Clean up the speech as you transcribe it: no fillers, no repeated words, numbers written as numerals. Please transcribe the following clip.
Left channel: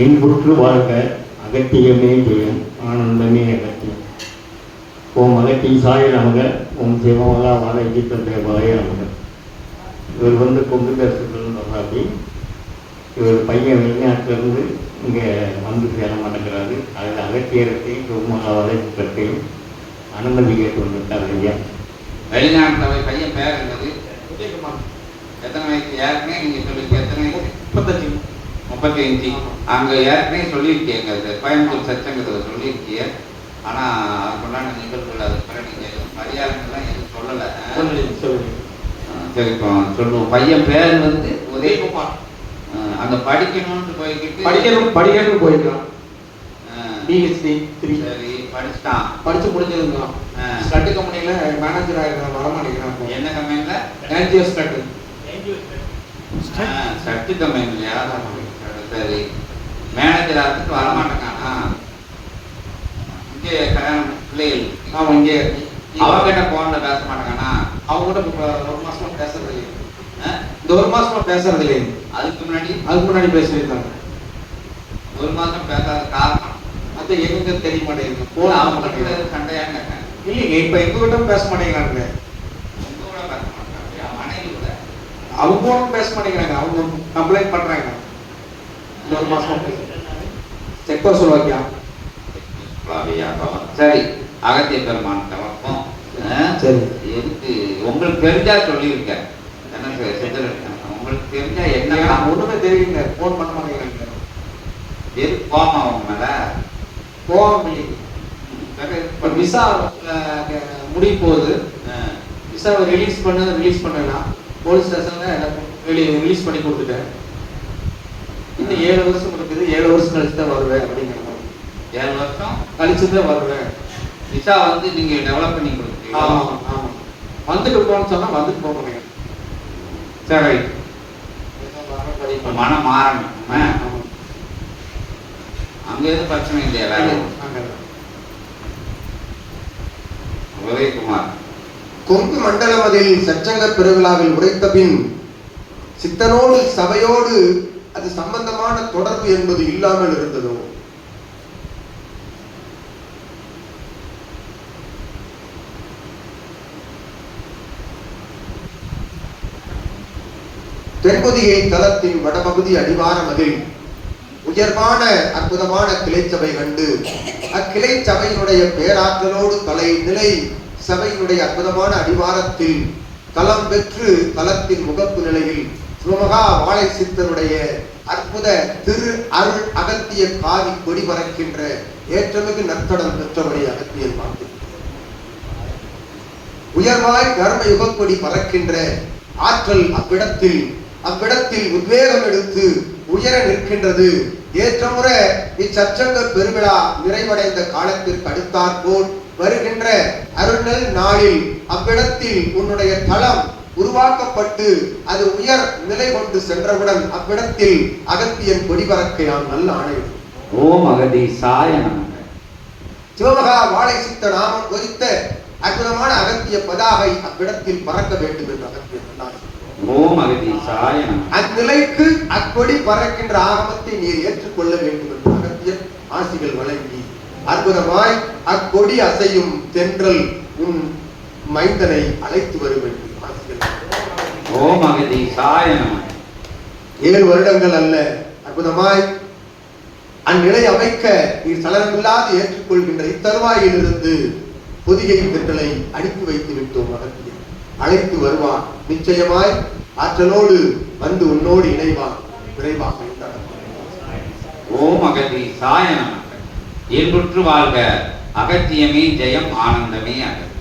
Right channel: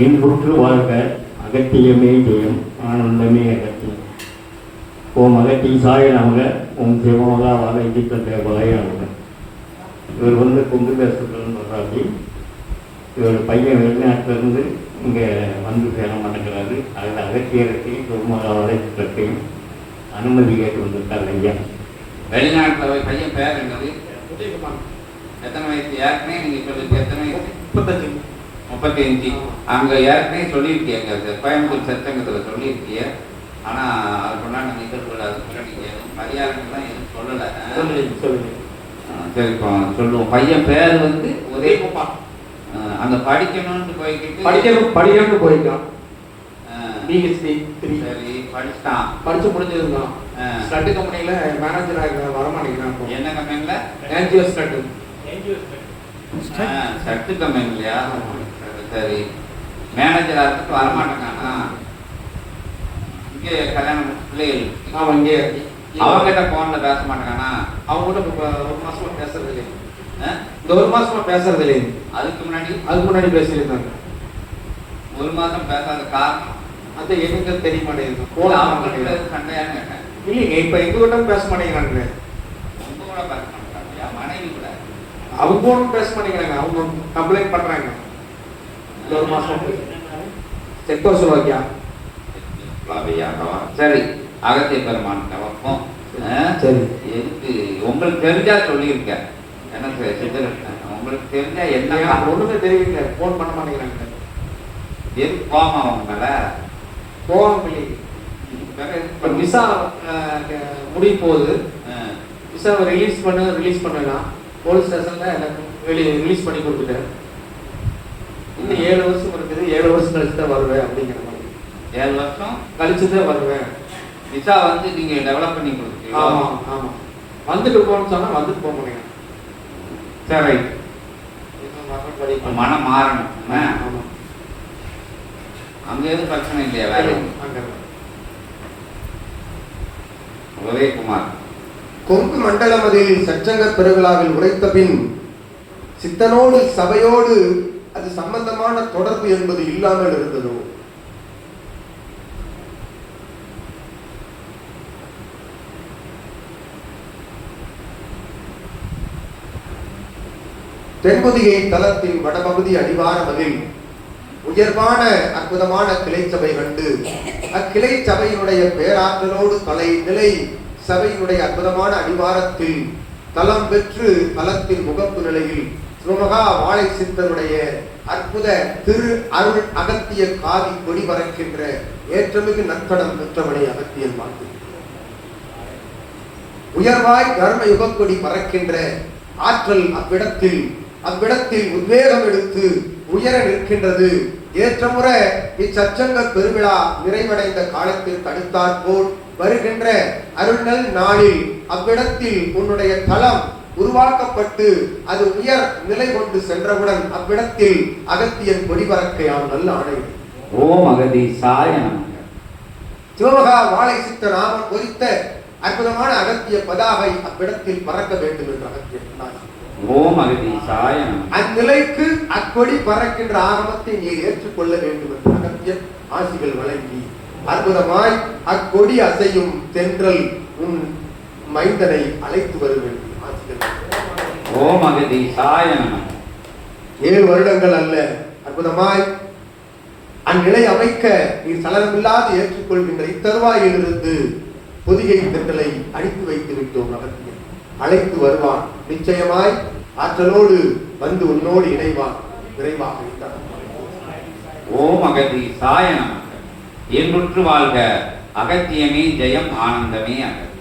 இன்புற்று வாழ்க அகத்தியமே ஜெயம் ஆனந்தமே அகத்தியம். ஓம் அகத்தீசாய நமக. ஓம் சிவமகா வாழகித்தன் தேவாய நமக. இவர் கொண்டு பேசுகிறன்னு சொல்கிறாரு. இவர் பையன் வெளிநாட்டிலிருந்து இங்கே வந்து சேர மாட்டேங்கிறாரு. அதில் அகத்தியரத்தையும் சிவமகா வாழகித்தத்தையும் அனுமதி கேட்டு வந்திருக்காரு ஐயா. வெளிநாட்டில் பையன் பேர் என்னது? எத்தனை வயசு? ஏற்கனவே நீங்கள் சொல்லிருக்க எத்தனை வயசு? 35. அங்கே ஏற்கனவே சொல்லியிருக்கீங்க, கோயம்புத்தூர் சச்சங்கத்தில் சொல்லியிருக்கீங்க. ஆனால் அதுக்குள்ள நான் நிகழ்வுகள் அது நீங்கள் மரியாதைலாம் எதுவும் சொல்லலை. சரி, இப்போ சொல்லுவோம். பையன் பேர் உதயகுமார். அந்த படிக்கணும்னு படிக்கணும்னு போயிருக்கான். பிஹெச்டி 3 சரி படிச்சுட்டான். படிச்சு முடிஞ்சிருந்தான். ஸ்டட்டு கம்பெனியில் மேனேஜராக இருக்கிறான். வரமாட்டேங்கிறான். என்ன கம்பெனியில்? ஏன்ஜிஓ ஸ்டட்டு கம்பெனிலையா? சரி, மேனேஜர் ஆகிறதுக்கு வரமாட்டேங்கானா? இங்கே கல்யாணம் பிள்ளைகள் அவன் இங்கே அவங்ககிட்ட போனில் பேச மாட்டேங்கானா? அவங்ககிட்ட ஒரு மாதமாக பேசுறது இல்லையே. இந்த ஒரு மாதமாக பேசுறது இல்லையே. அதுக்கு முன்னாடி பேசியிருந்தாங்க. ஒரு மாதம் பேசாத காரணம் அது எங்க தெரிய மாட்டேங்குது. அவங்க சண்டையான்னு கேட்டேன். இல்லைங்க, இப்போ எங்ககிட்ட பேச மாட்டேங்கிறாங்க. உங்க கூட பேச மாட்டேங்கிறாங்க. மனைவி கூட அவங்க பேச மாட்டேங்கிறாங்க. அவங்க கம்ப்ளைண்ட் பண்றாங்க. ஒரு மாசம் செக்கோஸ்லோவாக்கியா. சரி, அகத்திய பெருமான் வைப்போம். சரி, எதுக்கு உங்களுக்கு தெரிஞ்சா சொல்லியிருக்கேன். என்ன உங்களுக்கு தெரிஞ்சா என்ன ஒண்ணுமே தெரியுங்க. போன் பண்ண மாட்டேங்கிறாங்க. எது கோபம் அவங்க மேல? கோபம் இல்லைங்க. விசா முடிய போகுது. விசாவை ரிலீஸ் பண்ணா போலீஸ் ஸ்டேஷன்ல ரிலீஸ் பண்ணி கொடுத்துட்டேன். இன்னும் 7 வருஷம் இருக்குது. 7 வருஷம் கழிச்சு தான் வருவேன் அப்படிங்கிற மாதிரி. 7 வருஷம் கழிச்சு தான் வருவேன். விசா நீங்க டெவலப் பண்ணி கொடுத்தீங்க. ஆமாம் ஆமாம். வந்துட்டு போகணும்னு சொன்னா வந்துட்டு போக முடியும். சரி, மனம் மாறணும். அங்க எதுவும் பிரச்சனை இல்லையா? வேலை உதயகுமார் கொங்கு மண்டலமதில் சச்சங்க பெருவிழாவில் உரைத்த பின் சித்தனோடு சபையோடு அது சம்பந்தமான தொடர்பு என்பது இல்லாமல் இருந்ததோ? தென்பொதிகை தலத்தின் வடபகுதி அடிவாரமதில் உயர்வான அற்புதமான கிளைச்சபை கண்டு அக்கிளை சபையினுடைய பேராற்றலோடு நிலை சபையினுடைய அற்புதமான அடிவாரத்தில் தலம் பெற்று தலத்தின் முகப்பு நிலையில் சிவமகா வாழை சித்தனுடைய அற்புத திரு அருள் அகத்திய காவி கொடி பறக்கின்ற ஏற்றமிகு நத்தடம் பெற்றபடி அகத்தியன் பார்த்து உயர்வாய் தர்ம யுகக்கொடி பறக்கின்ற ஆற்றல் அவ்விடத்தில் உத்வேகம் எடுத்து உயர நிற்கின்றது. ஏற்றமுற இச்சச்சங்க பெருவிழா நிறைவடைந்த காலத்திற்கு அடுத்தாற்போல் வருகின்ற அருள்நல் நாளில் அவ்விடத்தில் உன்னுடைய தளம் உருவாக்கப்பட்டு அது உயர் நிலை கொண்டு சென்றவுடன் அவ்விடத்தில் அகத்தியன் கொடி பறக்கையாம் நல்ல ஆணை. ஓம் அகதீசாய நமக. சிவமகா வாழை சித்த நாமம் பொறித்த அற்புதமான அகத்திய பதாகை அவ்விடத்தில் பறக்க வேண்டும் என்று அகத்தியன் சொன்னார். ஓம் அகதீசாய நமக. அந்நிலைக்கு அக்கொடி பறக்கின்ற ஆகமத்தை நீர் ஏற்றுக்கொள்ள வேண்டும் என்று அகத்தியன் ஆசிகள் வழங்கி அற்புதமாய் அக்கொடி அசையும் தென்றல் உன் மைந்தனை அழைத்து வர வேண்டும். ஓம் அகதீசாய நமக. 7 வருடங்கள் அல்ல, அற்புதமாய் அந்நிலை அமைக்க நீர் சலனமில்லாது ஏற்றுக்கொள்கின்ற இத்தருவாயிலிருந்து பொதிகை தென்றலை அனுப்பி வைத்து விட்டோம். அகத்தியன் அழைத்து வருவான். நிச்சயமாய் ஆற்றலோடு வந்து உன்னோடு இணைவான் விரைவாக இருந்தார். ஓம் அகதீசாய நமக. இன்புற்று வாழ்க அகத்தியமே ஜெயம் ஆனந்தமே அகத்தியம்.